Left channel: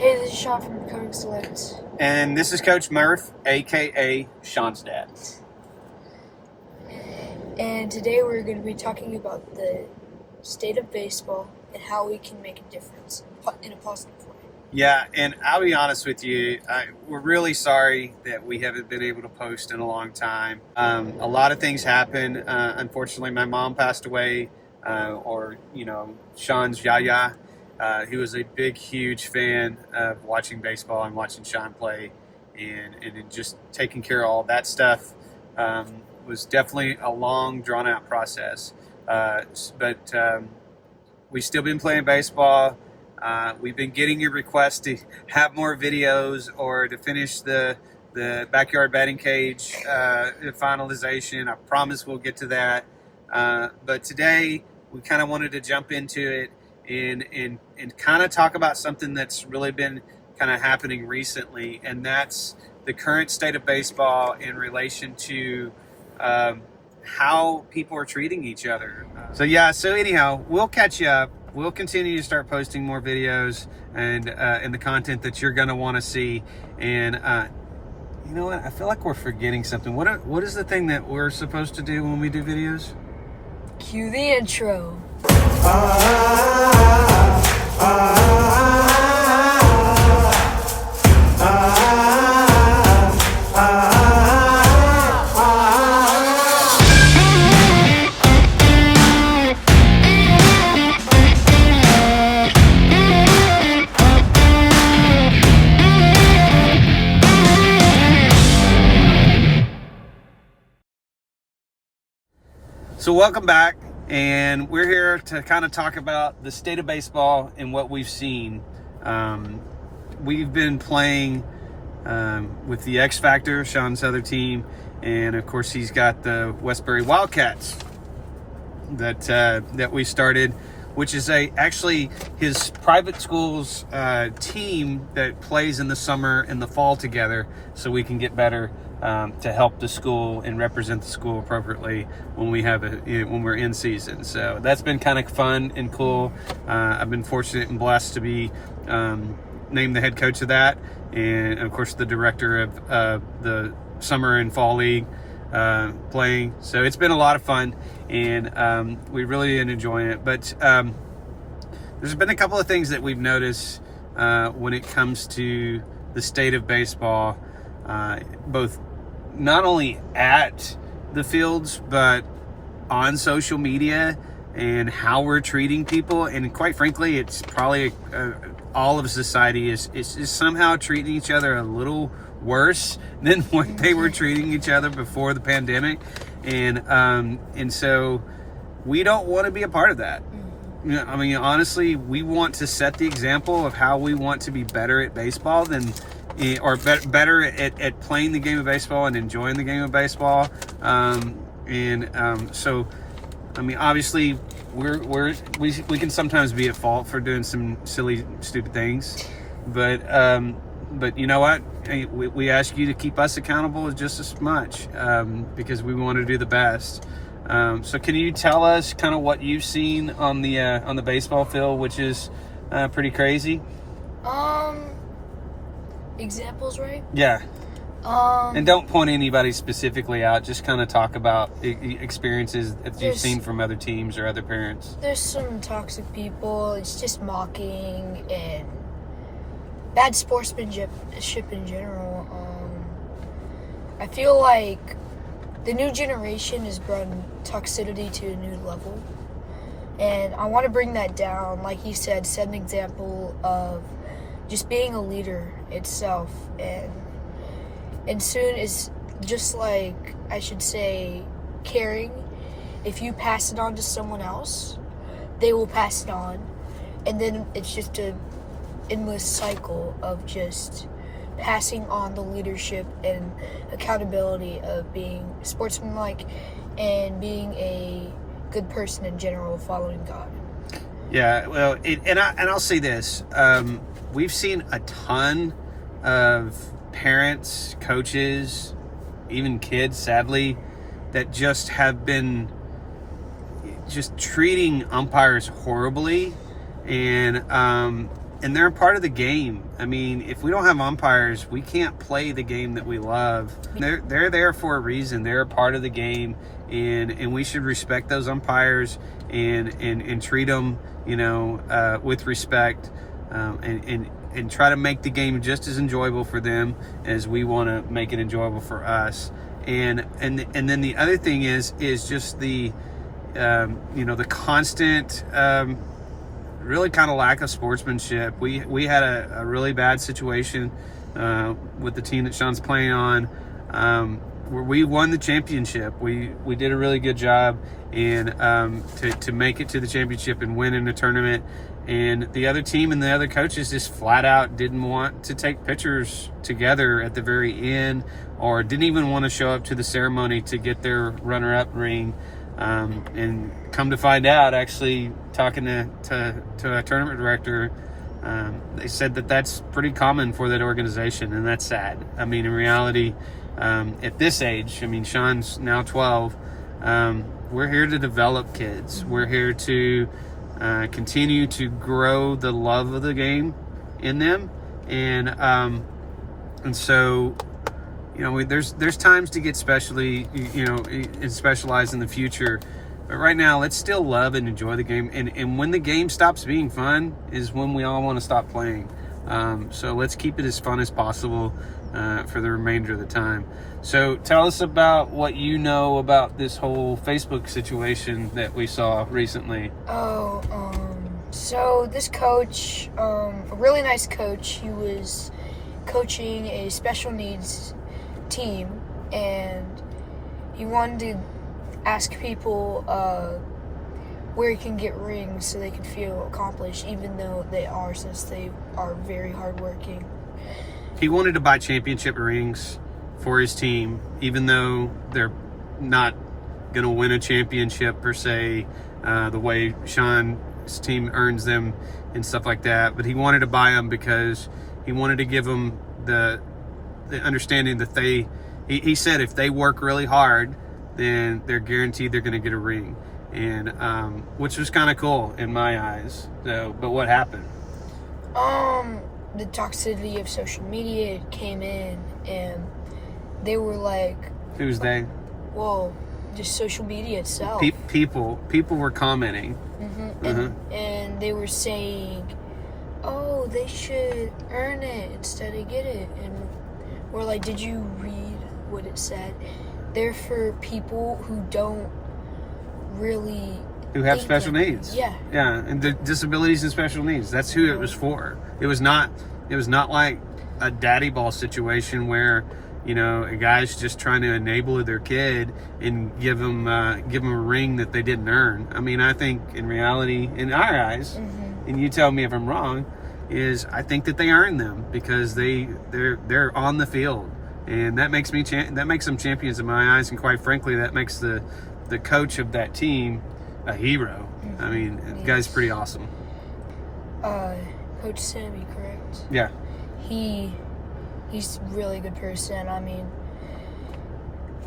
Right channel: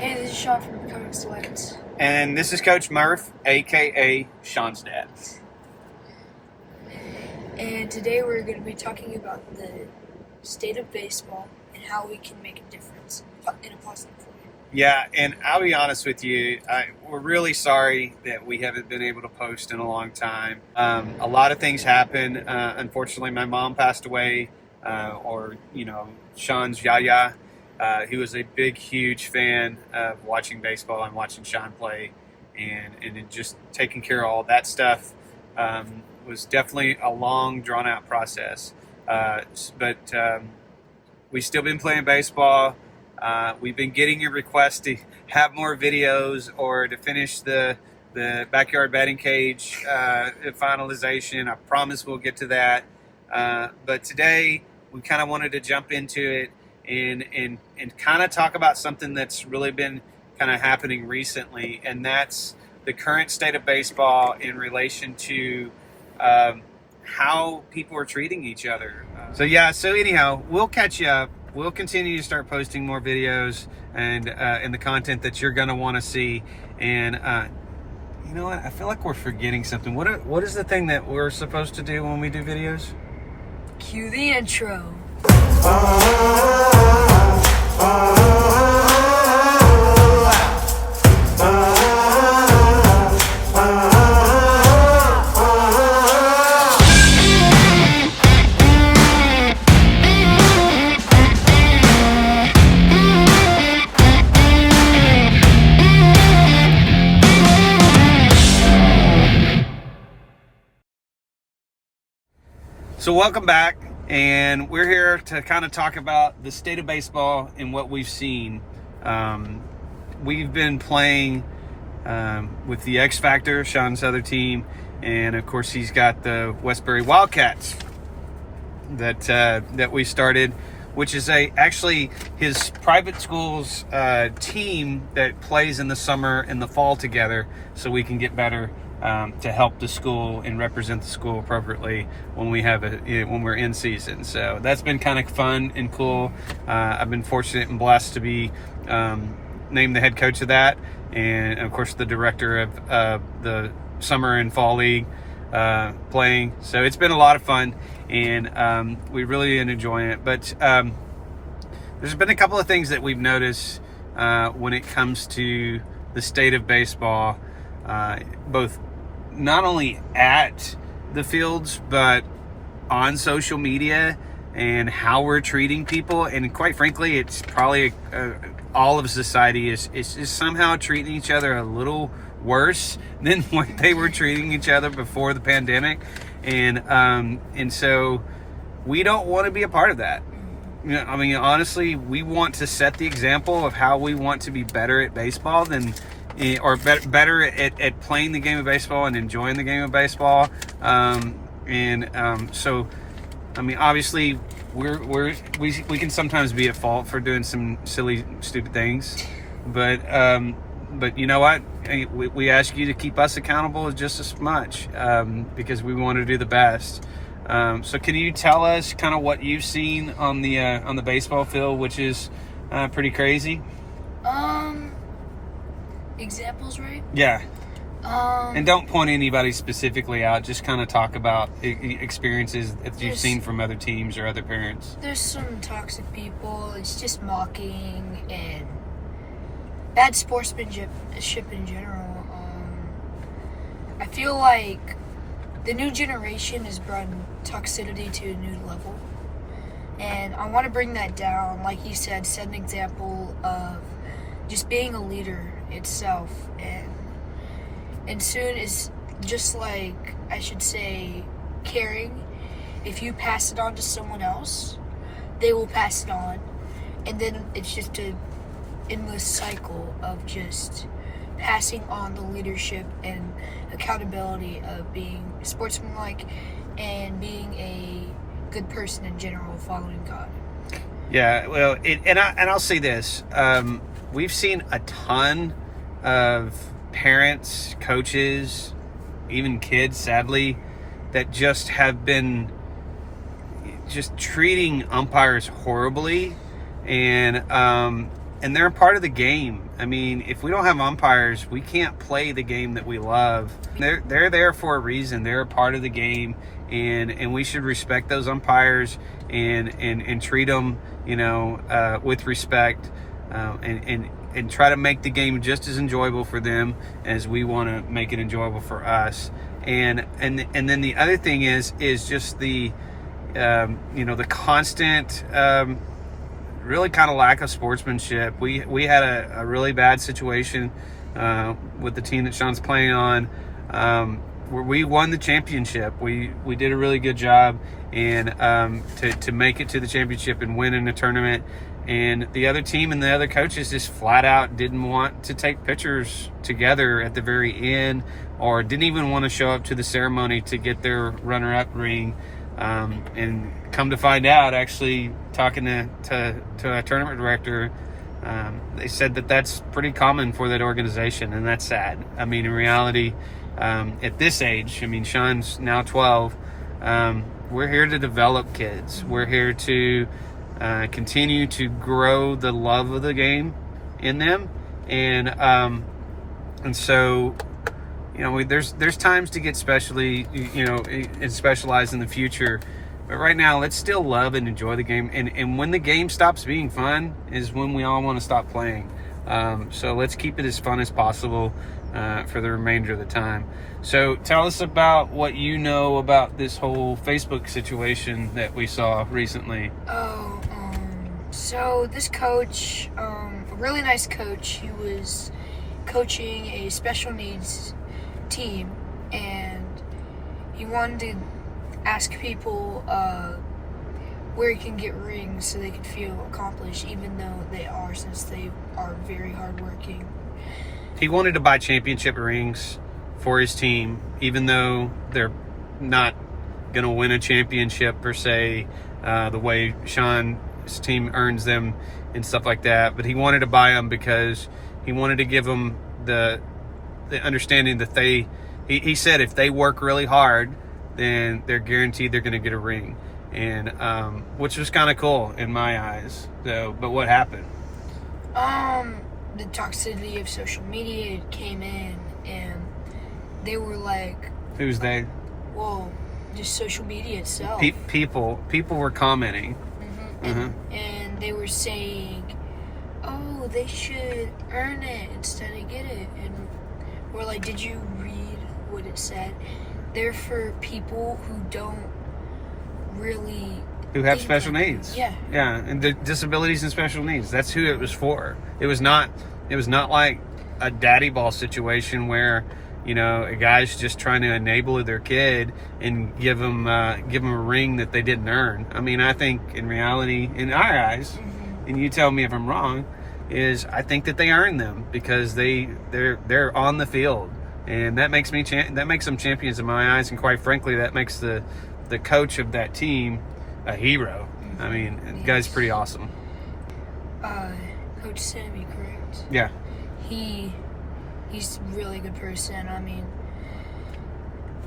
Hey, this is Sean from Becoming Select. And this is Coach Murph, aka Sean's dad. And today we're going to be talking about the state of baseball and how we can make a difference in a positive way. Yeah, and I'll be honest with you, we're really sorry that we haven't been able to post in a long time. A lot of things happen. Unfortunately, my mom passed away, Sean's Yaya. He was a big, huge fan of watching baseball and watching Sean play, and just taking care of all that stuff was definitely a long, drawn-out process. But we've still been playing baseball. We've been getting your requests to have more videos or to finish the backyard batting cage finalization. I promise we'll get to that. But today we kind of wanted to jump into it and kind of talk about something that's really been kind of happening recently, and that's the current state of baseball in relation to how people are treating each other. So anyhow, we'll catch you up. We'll continue to start posting more videos and the content that you're going to want to see. And you know what? I feel like we're forgetting something. What is the thing that we're supposed to do when we do videos? Cue the intro. So welcome back, and we're here to kind of talk about the state of baseball and what we've seen. We've been playing with the X Factor, Sean's other team, and of course he's got the Westbury Wildcats that we started, which is actually his private school's team that plays in the summer and the fall together, so we can get better to help the school and represent the school appropriately when we're in season. So that's been kind of fun and cool. I've been fortunate and blessed to be named the head coach of that, and of course the director of the summer and fall league playing. So it's been a lot of fun, and we really been enjoying it. But there's been a couple of things that we've noticed when it comes to the state of baseball, both not only at the fields but on social media, and how we're treating people. And quite frankly, it's probably all of society is somehow treating each other a little worse than what they were treating each other before the pandemic, and so we don't want to be a part of that. You know, I mean, honestly, we want to set the example of how we want to be better at baseball better at playing the game of baseball and enjoying the game of baseball. So, I mean, obviously, we can sometimes be at fault for doing some silly, stupid things, but you know what? We ask you to keep us accountable just as much, because we want to do the best. So can you tell us kind of what you've seen on the baseball field, which is pretty crazy? Examples, right? Yeah. And don't point anybody specifically out. Just kind of talk about experiences that you've seen from other teams or other parents. There's some toxic people. It's just mocking and bad sportsmanship in general. I feel like the new generation has brought toxicity to a new level, and I want to bring that down. Like you said, set an example of just being a leader itself, and soon is just like, I should say, caring. If you pass it on to someone else, they will pass it on, and then it's just an endless cycle of just passing on the leadership and accountability of being sportsmanlike and being a good person in general, following God. Yeah, well, I'll say this. We've seen a ton of parents, coaches, even kids, sadly, that just have been just treating umpires horribly, and and they're a part of the game. I mean, if we don't have umpires, we can't play the game that we love. They're there for a reason. They're a part of the game, and we should respect those umpires and treat them, with respect, and try to make the game just as enjoyable for them as we want to make it enjoyable for us. And then the other thing is just the the constant really kind of lack of sportsmanship. We had a really bad situation with the team that Sean's playing on, where we won the championship. We did a really good job, and to make it to the championship and win in the tournament. And the other team and the other coaches just flat out didn't want to take pictures together at the very end, or didn't even want to show up to the ceremony to get their runner-up ring. And come to find out, actually talking to a tournament director, they said that that's pretty common for that organization, and that's sad. I mean, in reality, at this age, I mean, Sean's now 12. We're here to develop kids. We're here to continue to grow the love of the game in them, and so. There's times to get and specialize in the future. But right now, let's still love and enjoy the game. And when the game stops being fun is when we all want to stop playing. So let's keep it as fun as possible for the remainder of the time. So tell us about what you know about this whole Facebook situation that we saw recently. So this coach, a really nice coach, he was coaching a special needs team, and he wanted to ask people where he can get rings so they can feel accomplished, even though they are, since they are very hardworking. He wanted to buy championship rings for his team, even though they're not going to win a championship per se, the way Sean's team earns them and stuff like that. But he wanted to buy them because he wanted to give them the understanding that he said if they work really hard, then they're guaranteed they're going to get a ring, and which was kind of cool in my eyes. So, but what happened? The toxicity of social media came in, and they were like, "Who's they?" Well, just social media itself. People were commenting, and they were saying, "Oh, they should earn it instead of get it." And we're like, "Did you read what it said? They're for people who don't really who have special needs." Yeah, and the disabilities and special needs. That's who it was for. It was not like a daddy ball situation where a guy's just trying to enable their kid and give them a ring that they didn't earn. I mean, I think in reality, in our eyes, and you tell me if I'm wrong, is I think that they earn them because they're on the field, and that makes them champions in my eyes, and quite frankly, that makes the coach of that team a hero. I mean, the guy's pretty awesome. Coach Sammy, correct? Yeah. He's a really good person. I mean,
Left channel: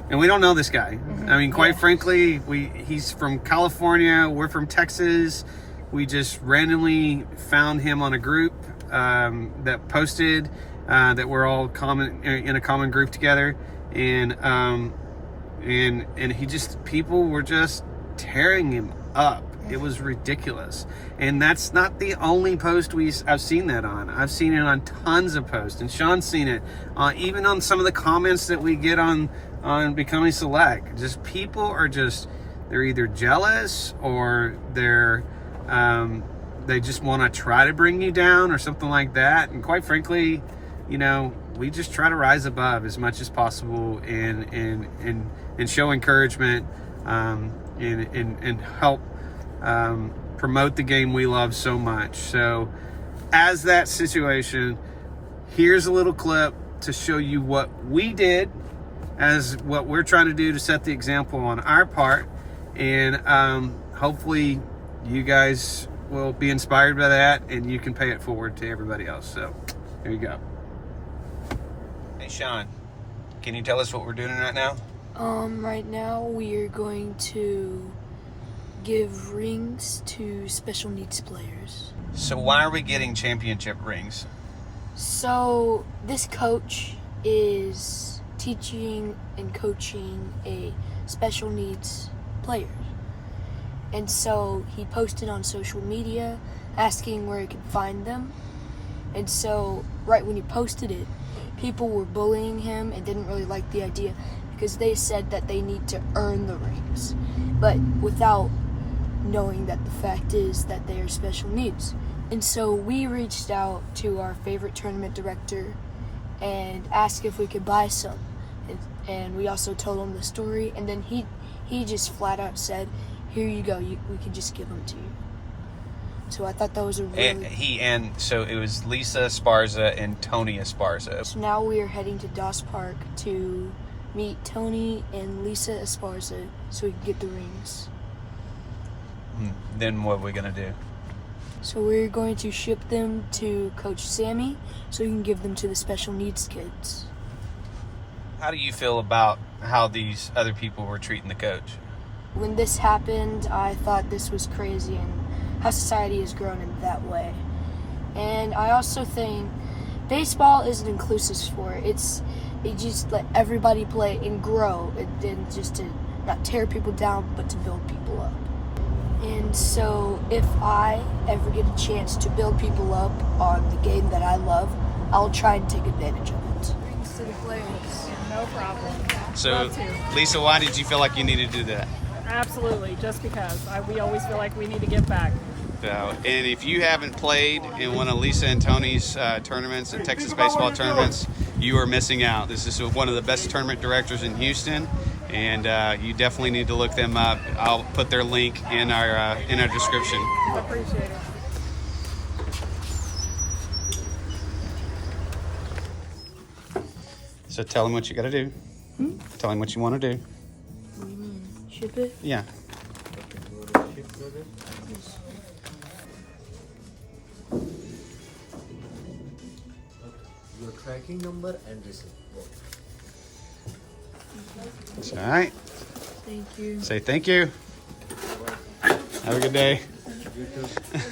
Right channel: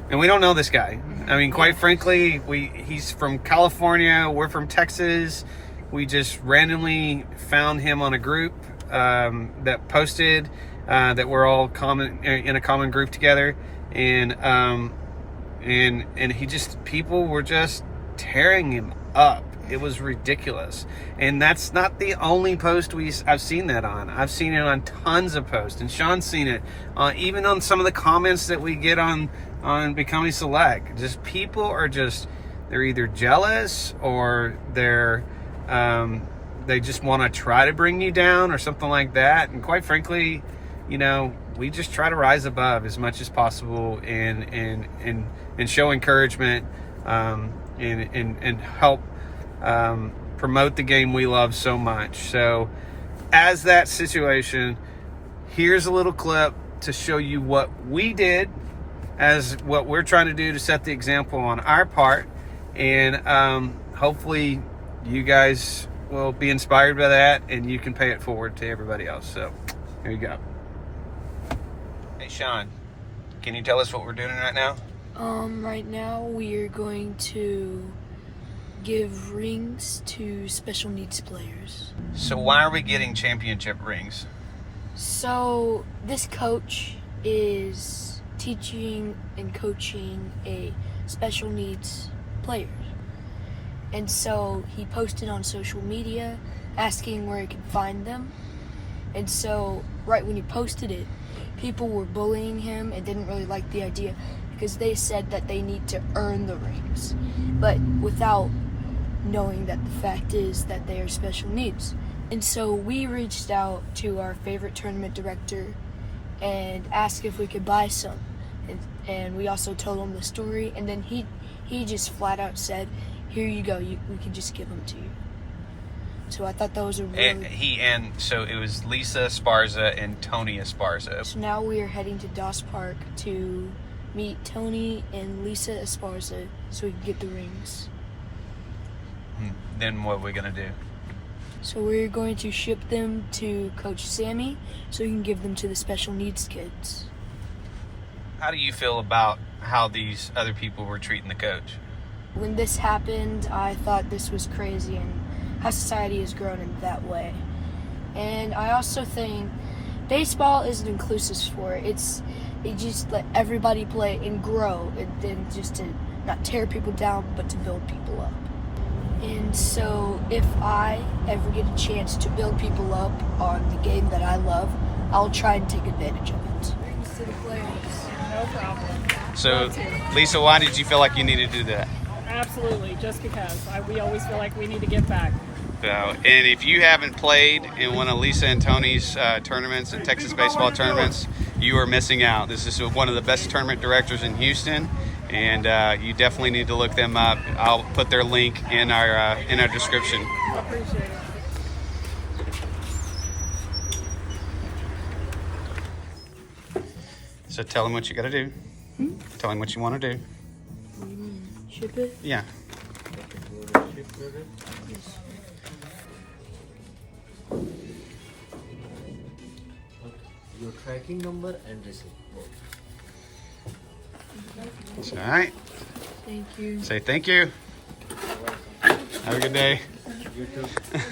and we don't know this guy. I mean, quite frankly, he's from California. We're from Texas. We just randomly found him on a group that posted that we're all in a common group together, and people were just tearing him up. It was ridiculous, and that's not the only post I've seen that on. I've seen it on tons of posts, and Sean's seen it even on some of the comments that we get on Becoming Select. Just people are they're either jealous or they just want to try to bring you down or something like that. And quite frankly, we just try to rise above as much as possible and show encouragement and help promote the game we love so much. So as that situation, here's a little clip to show you what we did as what we're trying to do to set the example on our part, and hopefully you guys will be inspired by that and you can pay it forward to everybody else. So here you go. Hey Sean, can you tell us what we're doing right now? Right now we are going to give rings to special needs players. So why are we getting championship rings? So this coach is teaching and coaching a special needs player. And so he posted on social media asking where he could find them. And so right when he posted it, people were bullying him and didn't really like the idea because they said that they need to earn the rings, but without knowing that the fact is that they are special needs. And so we reached out to our favorite tournament director and asked if we could buy some. And we also told him the story, and then he just flat out said, "Here you go, we can just give them to you." So I thought that was a really... So it was Lisa Esparza and Tony Esparza. So now we are heading to Doss Park to meet Tony and Lisa Esparza so we can get the rings. Then what are we going to do? So we're going to ship them to Coach Sammy so he can give them to the special needs kids. How do you feel about how these other people were treating the coach? When this happened, I thought this was crazy and how society has grown in that way. And I also think baseball is an inclusive sport. It just let everybody play and grow, and then just to not tear people down, but to build people up. And so if I ever get a chance to build people up on the game that I love, I'll try and take advantage of it. Rings to the players. No problem. So, Love to. Lisa, why did you feel like you needed to do that? Absolutely, just because we always feel like we need to give back. So, and if you haven't played in one of Lisa and Tony's tournaments and Texas baseball tournaments, you are missing out. This is one of the best tournament directors in Houston, and you definitely need to look them up. I'll put their link in our description. Appreciate it. So tell them what you got to do. Tell them what you want to do. Ship it? Yeah. Your tracking number and receipt. It's all right. Thank you. Say thank you. Have a good day.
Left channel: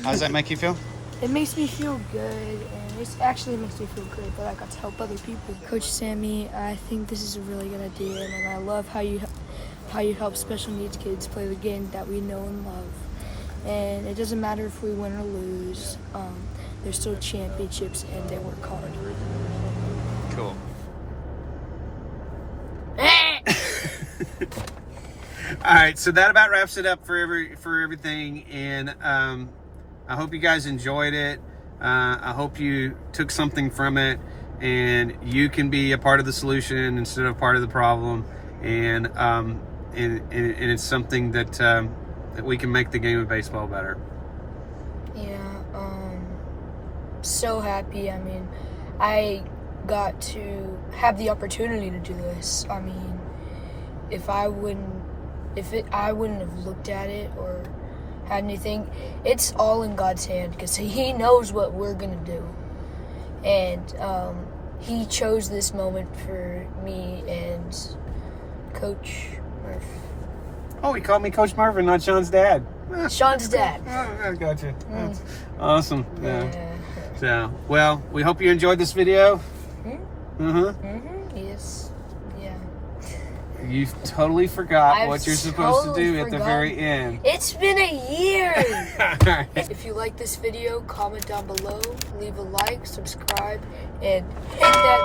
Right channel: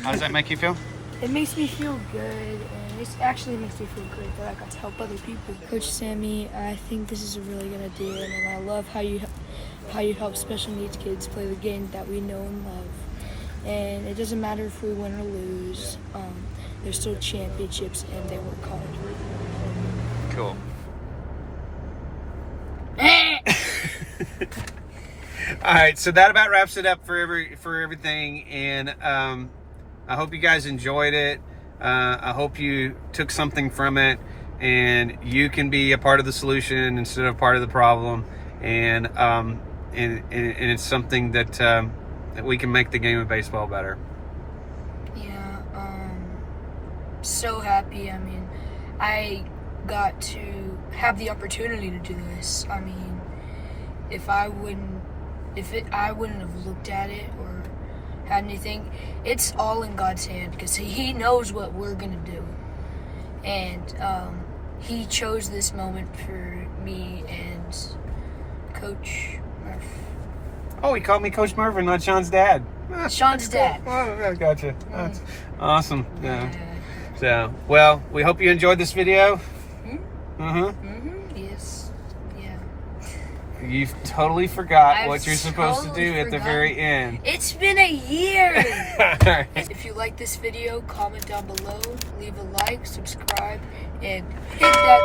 How does that make you feel? It makes me feel good, and it actually makes me feel great that I got to help other people. Coach Sammy, I think this is a really good idea, and I love how you help special needs kids play the game that we know and love. And it doesn't matter if we win or lose. There's still championships, and they work hard. Cool. All right, so that about wraps it up for everything, and I hope you guys enjoyed it. I hope you took something from it, and you can be a part of the solution instead of part of the problem, and it's something that that we can make the game of baseball better. Yeah, so happy. I mean, I got to have the opportunity to do this. I mean, I wouldn't have looked at it or had anything. It's all in God's hand because He knows what we're gonna do, and He chose this moment for me and Coach Murph. Oh, he called me Coach Marvin, not Sean's dad. Sean's dad. Oh, I gotcha. That's awesome. Yeah. Yeah. So, well, we hope you enjoyed this video. Yes. Yeah. You totally forgot I've what you're supposed to do totally at the forgotten. very end. It's been a year. If you like this video, comment down below, leave a like, subscribe, and hit that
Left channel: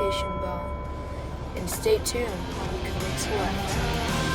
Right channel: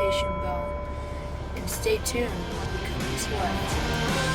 notification bell. And stay tuned. See you later.